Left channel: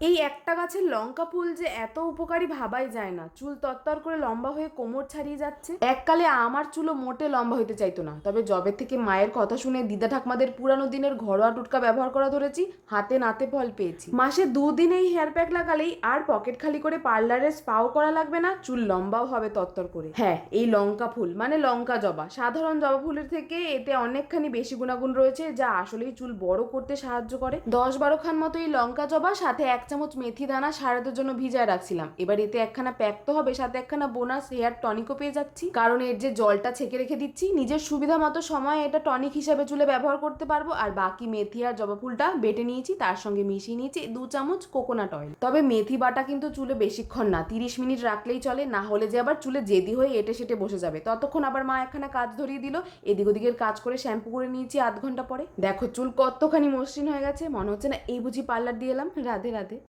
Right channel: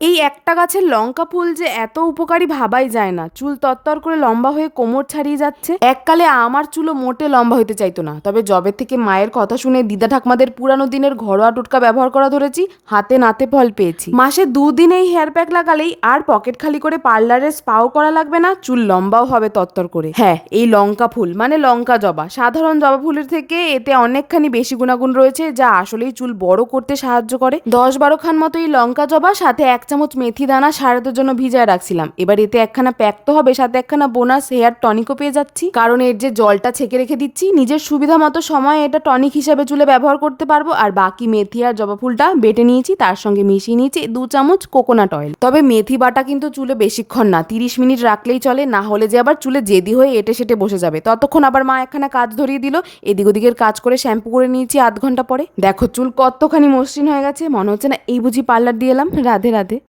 এই একটা গাছের লঙ্কা ফুল যে এত উপকারী ভাবাই যায় না। চুল তত্তর করে লম্বা হয়ে কোমর ছাড়িয়ে যাচ্ছে। এককালে আমার চুলও মোটে লম্বা হতে চাইতো না। তবে জবে থেকে মায়ের কথা শুনে দিদা ঠাকমাদের পুরানো দিনের ঘরোয়া টোটকা ব্যবহার করা ধরেছি, হাতে নাতে ফল পেয়েছি। মাসে দুদিন এই হেয়ার প্যাক লাগালেই আর পকেট খালি করে পার্লারে স্পাও করা লাগবে না, চুল লম্বাও হবে তত্তর করে। হ্যাঁ এই লঙ্কা ফুল মানে লঙ্কা জবা। সাধারণ জবা ফুলের থেকে এতে অনেকখানি বেশি গুণাগুণ রয়েছে, যা আসলেই চুল বড় করতে সাহায্য করে। দশ বারো খান মতো এই লঙ্কা জবা, সাথে এক চামচ মেথি দানা সারাতের জন্য ভিজায় রাখছিলাম। এবার এতে একখানা প্যাক তো হবে, সাথে একখানা বোনাস হেয়ার টনিকও পেয়ে যাচ্ছি। কারণ এর যে জলটা ছেঁকে রেখে দিচ্ছি, নিজের সুবিধা মতো সময় এটা টনিক হিসাবে চুলে ব্যবহার করতে পারব। আর বাকি মেথি আর জবা ফুলটা বেটে নিয়েছি, তার সঙ্গে মিশিয়ে নিয়েছি দু চামচ কোকোনাট অয়েল তবে মেথি বাটা কিন্তু চুলে বেশিক্ষণ না, তিরিশ মিনিট রাখলেই চলে, না হলে যে আবার চুলে জেদি হয়ে এটে সেটে বসে যাবে। ততক্ষণ আবার মা একখানা কাজ ধরিয়ে দিল, এদিক ওদিকের কাজ করে শ্যাম্পু করে নিয়েছি আধ ঘণ্টা পরে। দেখো চুল কতখানি মসৃণ হয়ে গেছে, মনে হচ্ছে না এই বুঝি পার্লার দিয়ে এলাম। রাধে রাধে।